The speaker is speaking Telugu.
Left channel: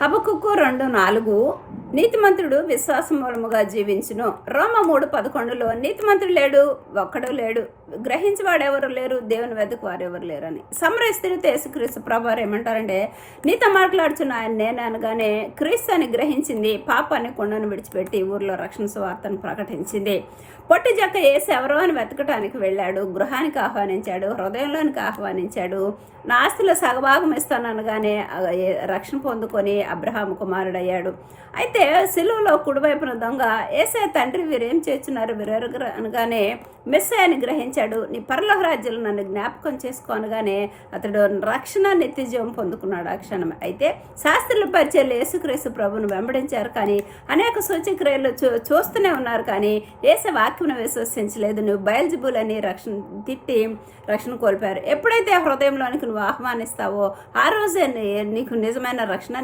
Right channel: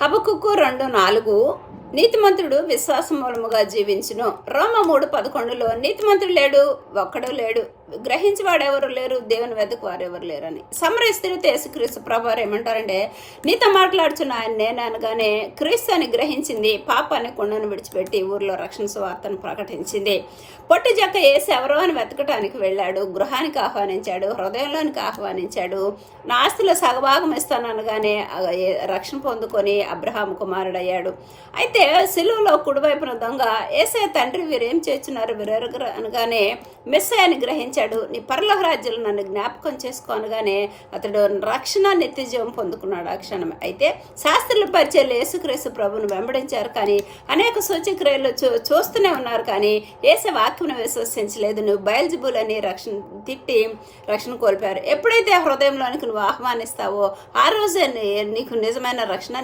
హబకుక్కు 2:4 నీతిమంతుడు విశ్వాసం మూలముగా జీవించును. రోమ 3:11 నీతిమంతుడు లేడు, ఒక్కడూ లేడు, గ్రహించేవాడెవరు లేరు, దేవుని వెదకు వారెవరు లేరని. సమరయ స్త్రీతో యేసుక్రీస్తు ప్రభువారు ఏమంటారంటే, నీతో మాట్లాడుచున్న ఆయన నేను అనగానే క్రీస్తు అని గ్రహించింది, పాపాన్ని కుండను విడిచిపెట్టి ఊర్లో రక్షణ సువార్తను ప్రకటించింది. పొట్టి జక్క యేసు ఎవరో అని వెతకటానికి వెళ్ళాడు, గృహానికి ఆహ్వానించాడు, హృదయంలోనికి ఆహ్వానించాడు. నా ఆస్తిలో సగభాగం ఇస్తాననగానే రక్షణ పొందుకొని అబ్రహాము కుమారుడయ్యాడు. అయితే సిలువలో కుడివైపున దొంగ యేసయ్య తండ్రి వీరేం చేస్తున్నారు వీరెరుగరు అనగానే మెస్సయ్యని గ్రహించాడు. నీ పరలోక రాజ్యంలో నన్ను జ్ఞాపకం చేసుకో అనగానే అతడు రక్షణ నిత్యజీవం పొందుకున్నాడు ఆ క్షణం. అయితే శాస్త్రుల పరిచయాలు యేసుక్రీస్తు ప్రభువును వెంబడించారు, కానీ అనేక సూచక్రియలు చూస్తూనే ఉన్నారు, కానీ యేసు వాక్యం విశ్వసించలేదు. నువ్వు బయల్జబూలని తిట్టి రక్షణ కోల్పోయారు. ఎప్పుడైతే హృదయంలోనికి నువ్వు ఆహ్వానిస్తావో ఆ రోజే నీకు నిజమైన రక్షణ